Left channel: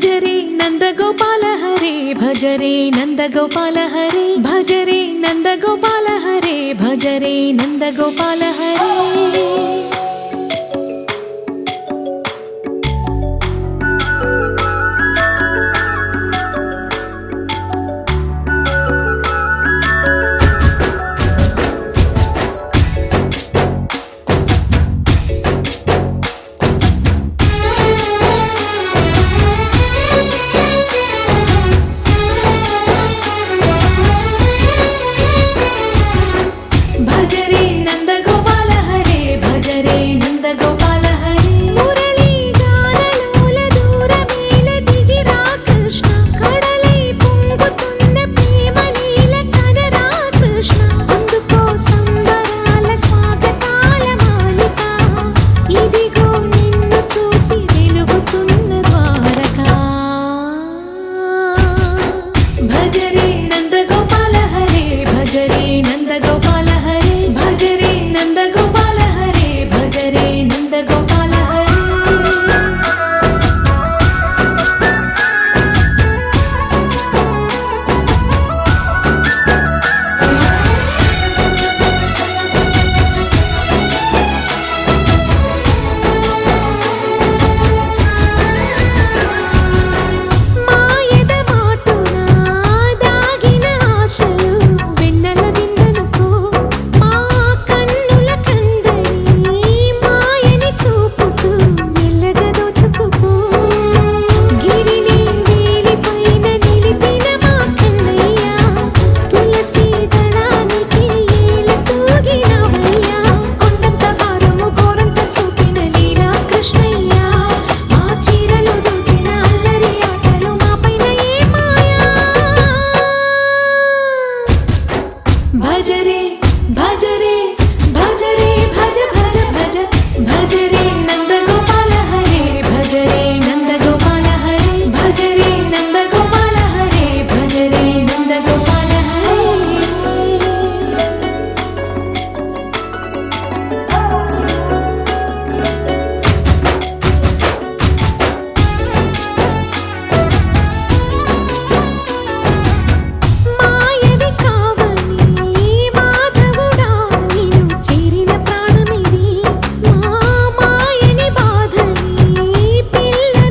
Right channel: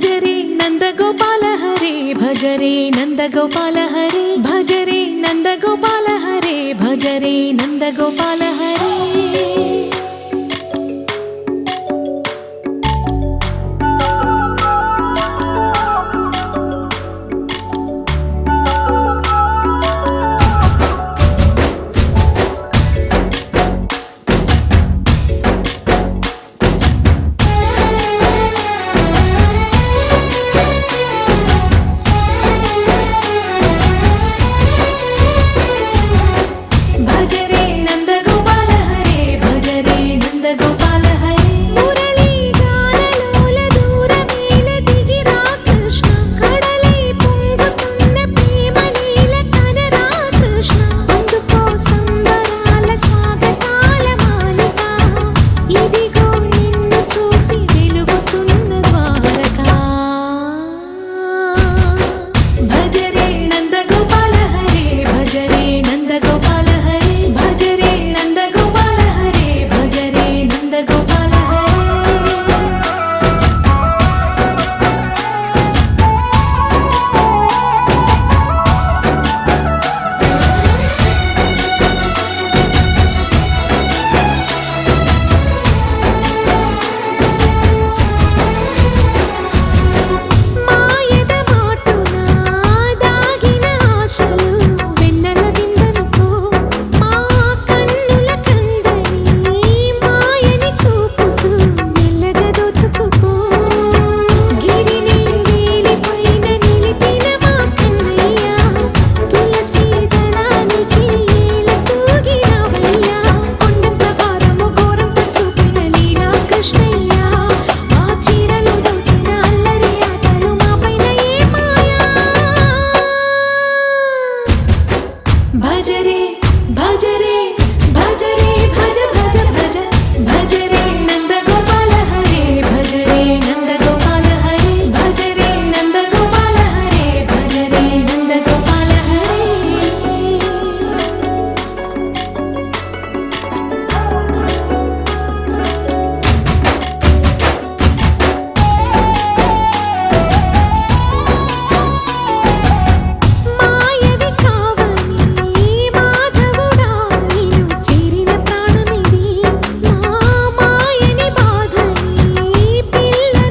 భజరే నందగోపాల హరే భజరే నందగోపాల హరే భజరే నందగోపాల హరే భజరే నందగోపాల హరే భజరే నందగోపాల హరే భజరే నందగోపాల హరే మురళీ గానలోల దూరమేల దిగిరా కృష్ణ కడలై పొంగుతున్న ప్రేమ నీల కనరా కృష్ణ అందుకో సంబరాల స్వాగతాల మాలిక ఇదిగో నిన్ను చూసి వెలుగుతున్న ద్వారకా భజరే నందగోపాల హరే భజరే నందగోపాల హరే భజరే నందగోపాల హరే భజరే నందగోపాల హరే మాయద మాటున దాగిన ఆశలు వెన్నెల విందనుకో మా కన్నుల కందని మాయని చూపుతూ మెల్లగా దోచుకుపో గిరిని వేలిపైన నిలిపిన మా కన్నయ్య తులసి దళానికి ఏల తూగినవయ్యా కొండంత భారము గోరంత చూపిన లీలా కృష్ణయ్య మా చీరలు దోచిన అల్లరి ఆటలు మాపైన ఏ మాయా భజరే భజరే భజరే భజ భజ భజ భజరే నందగోపాల హరే భజరే నందగోపాల హరే భజరే నందగోపాల హరే భజరే నందగోపాల హరే మాయవి కావని మాధవుడా నీను చేరిన ప్రాణమిది మా మాయని బాధని పిల్లల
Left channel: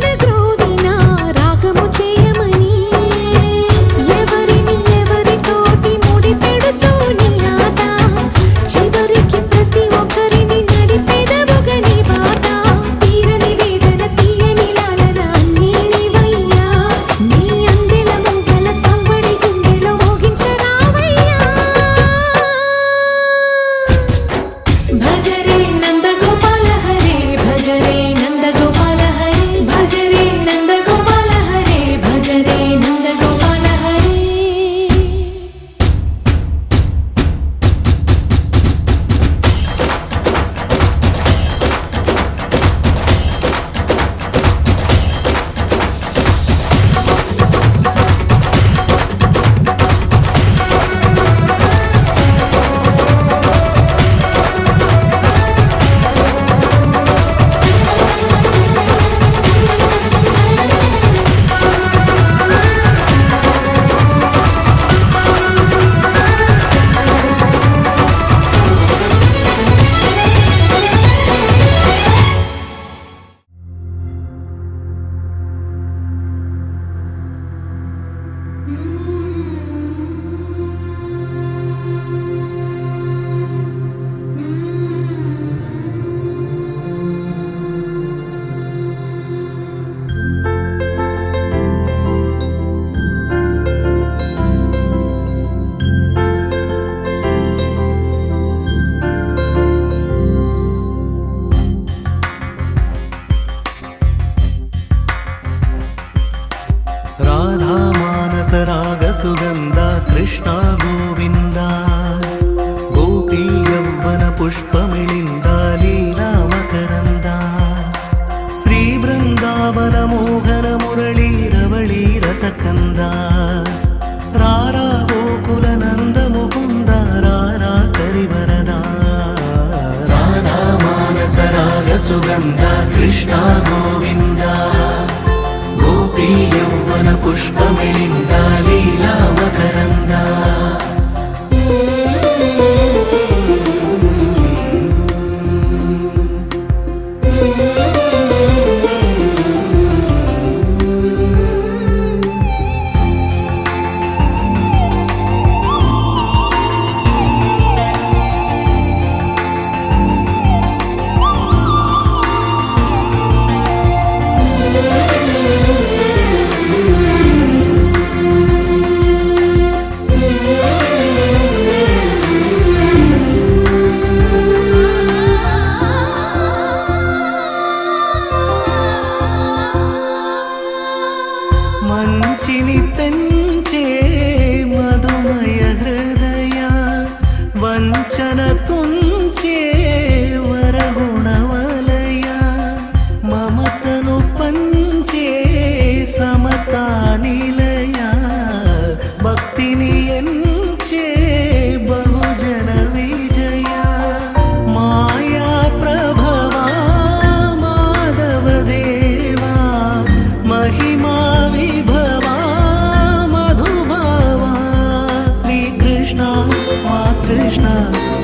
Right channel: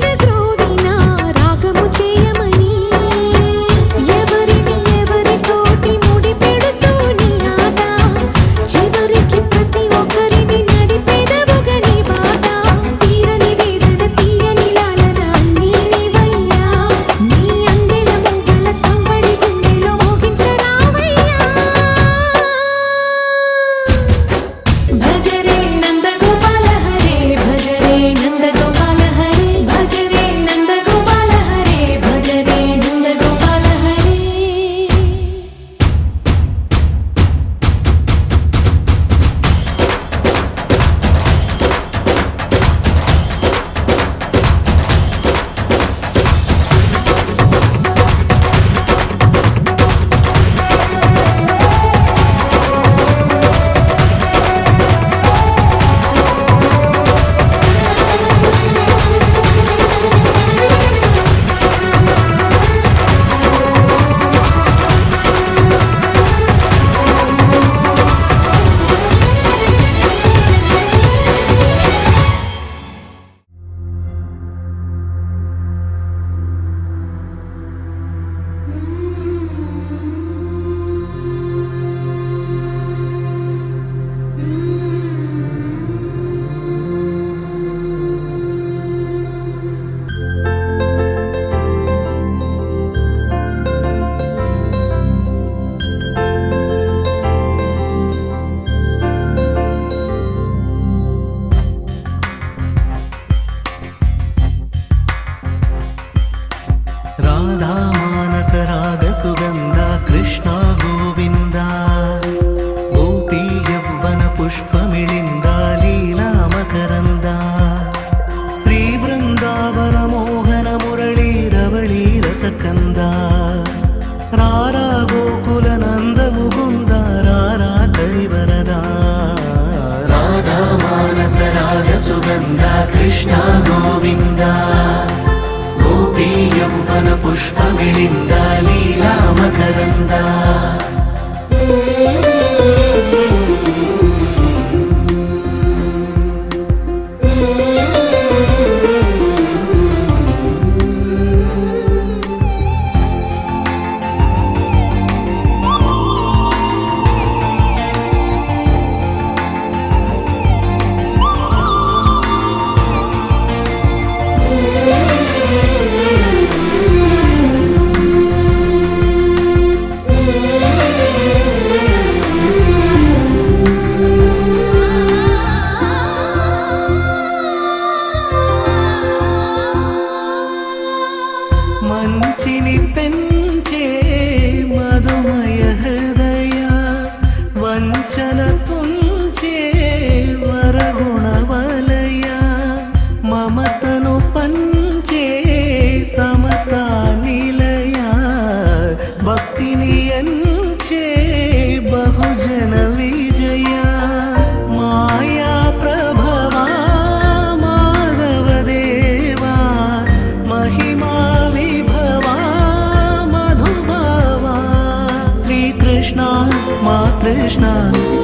శ్రీకృష్ణ మా కృష్ణ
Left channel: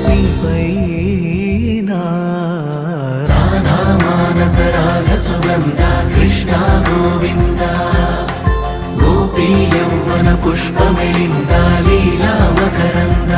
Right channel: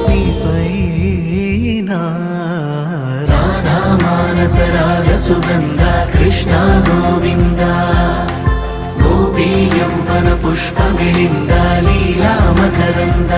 నీపైన రాధా మానస రాగ సుగంధ కృష్ణ గోవింద గోపీ యౌవన పుష్పమిళింద లీలా మకరంద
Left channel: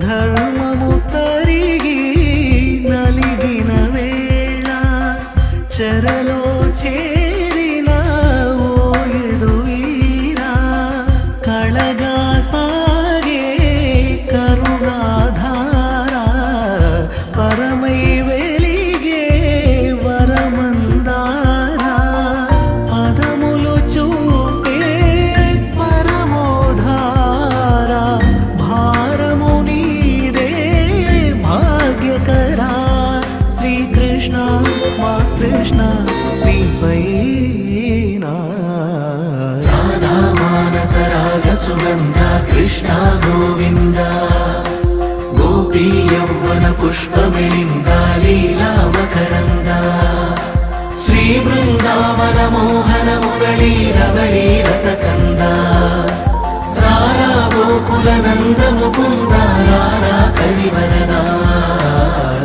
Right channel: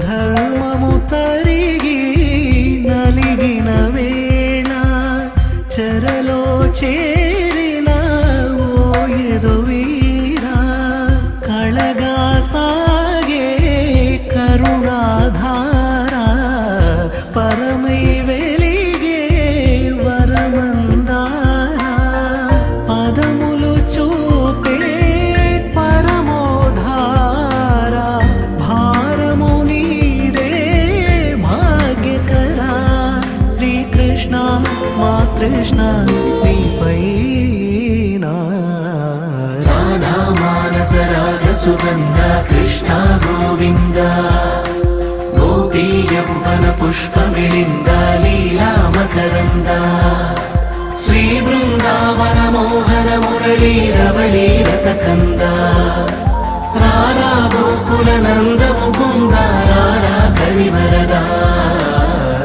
ధర్మము తరిగి నలిగిన వేళ చెరలో చేరిన ఓ ఎదువీర కళగా సాగే కరుణాధార పరమై వెలిగే వరమందార పదములు చూపే పరమోధార భారము నీదే భాగ్యకరా శ్రీకృష్ణ మా కృష్ణ నీపైన రాధా మానస రాగ సుగంధ కృష్ణ గోవింద గోపీ యౌవన పుష్పమిళింద లీలా మకరంద శ్రీ బృందావన మోహన మురళీ రవళీ రసకంద రారా గోకుల నందము బృంద రారా కరివరద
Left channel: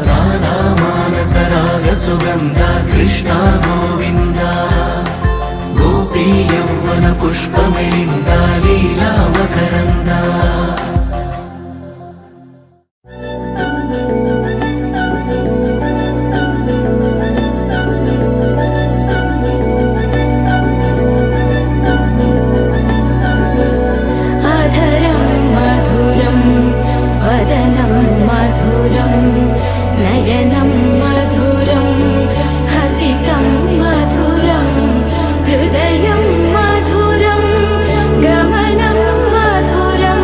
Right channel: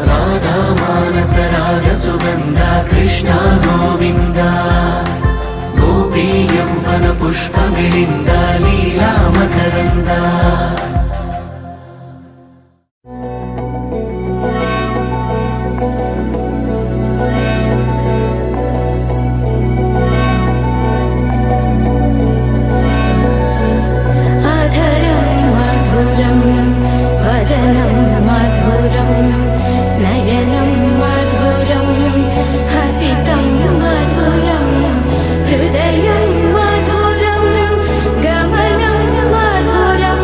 రాధా మానస రాగ సుగంధ కృష్ణ గోవింద గోపీ యౌవన పుష్పమిళింద లీలా మకరంద अधरं मधुरं वदनं मधुरं नयनं मधुरं हसितं मधुरं हृदयं मधुरं गमनं मधुरं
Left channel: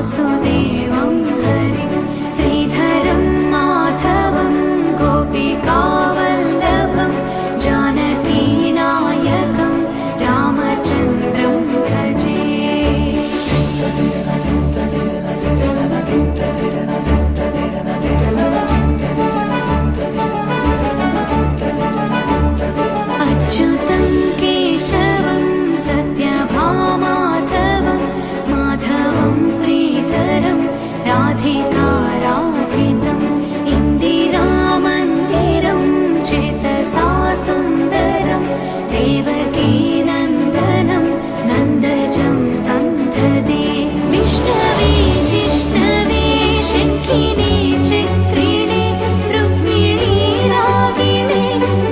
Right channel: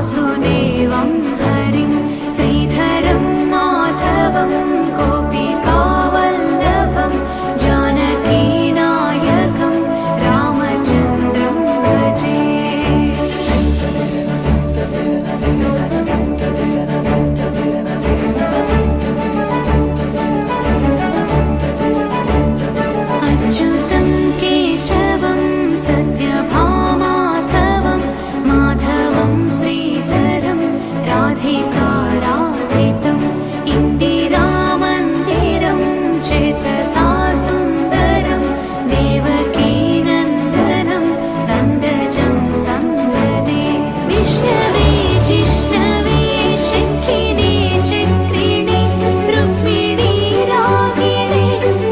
वासुदेवं हरिं श्रीधरं माधवं गोपिकावल्लभं जानकीनायकं रामचन्द्रं भजे। अच्युतं केशवं सत्यभामाधवं माधवं श्रीधरं राधिकाराधितम् इन्दिरामन्दिरं चेतसा सुन्दरं देवकीनन्दनं नन्दजं सन्धदे। विष्णवे जिष्णवे शङ्खिने चक्रिणे रुक्मिणी रागिणे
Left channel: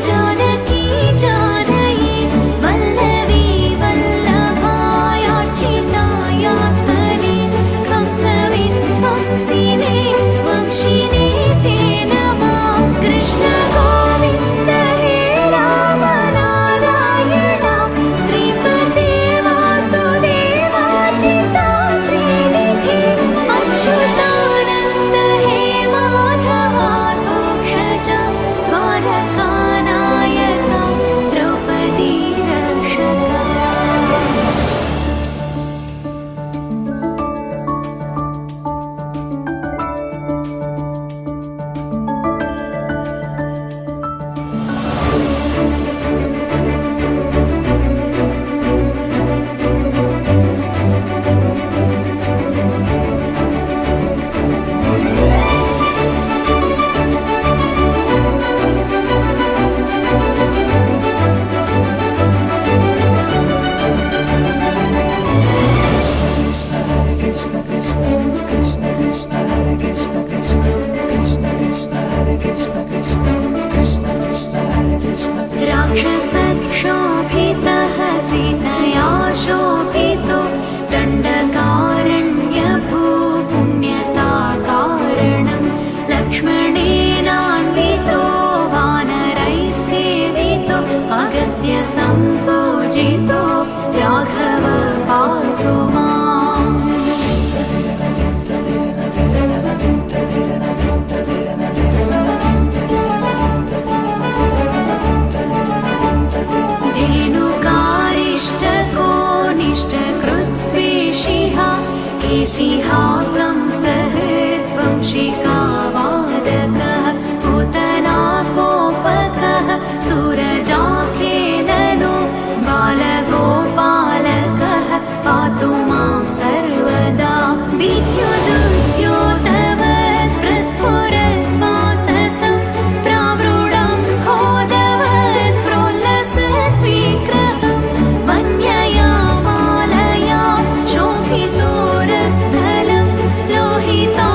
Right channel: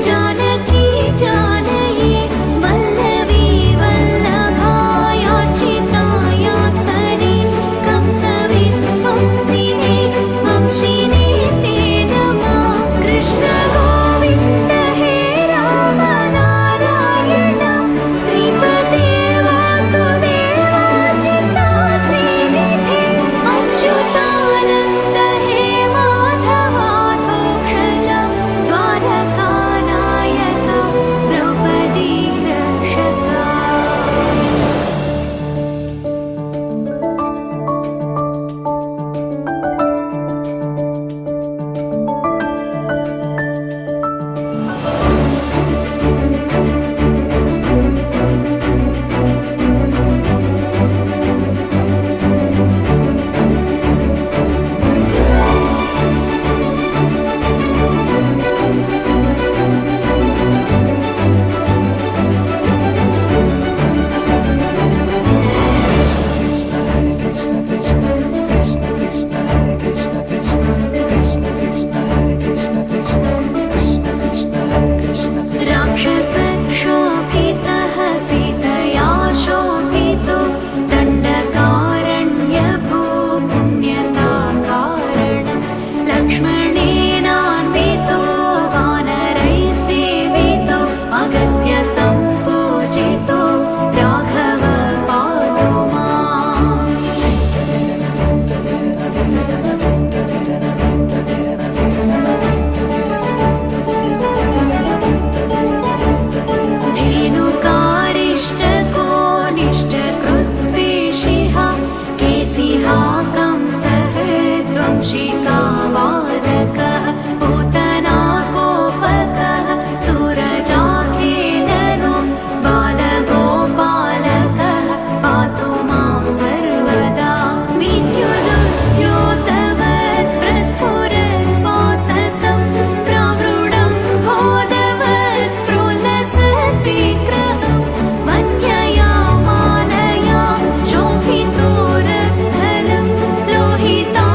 जानकी जानये वल्लभी वल्लभायार्चितायात्मने कंसविध्वंसिने वंशिने ते नमः। कृष्ण गोविन्द हे राम नारायण श्रीपते वासुदेवाजिता श्रीनिधे अच्युतानन्द हे माधवाधोक्षज द्वारकानायक द्रौपदी रक्षका। राक्षसक्षोभितः सीतया शोभितो दण्डकारण्यभूपुण्यताकारणं लक्ष्मणेनान्वितो वानरैः सेवितो अगस्त्य सम्पूजितो राघव पातु माम्। धेनुकारिष्टको निष्टकृत्वेषिः केशिहाकं सहृद्वंशिका वादकः पूतनाकोपकः सूरजाखेलनो बालगोपालकः पातु मां सर्वदा। विद्युदुद्योतवत् प्रस्फुरद्वाससं प्रावृढं भोदवत् प्रोल्लसद्विग्रहं मन्यया मालया शोभितोरस्थलं लोहिता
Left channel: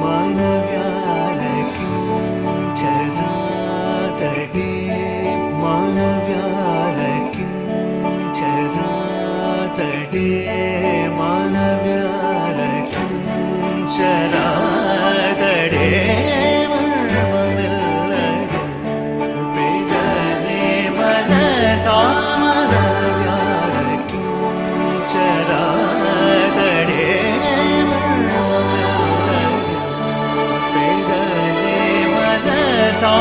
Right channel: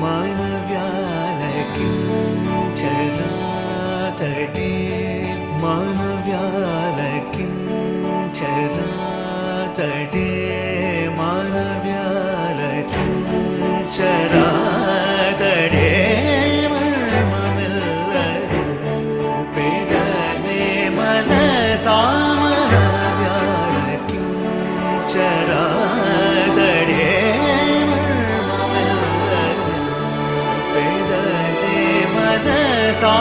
मानव्यालकिं चरातटे मानव्यालकिं चरातटे मानव्यालकिं चरातटे मर्ममिल्लदिल पेदने मनसा मानव्यालकिं चरातटे मर्ममिल्लदिल पेदने मनसा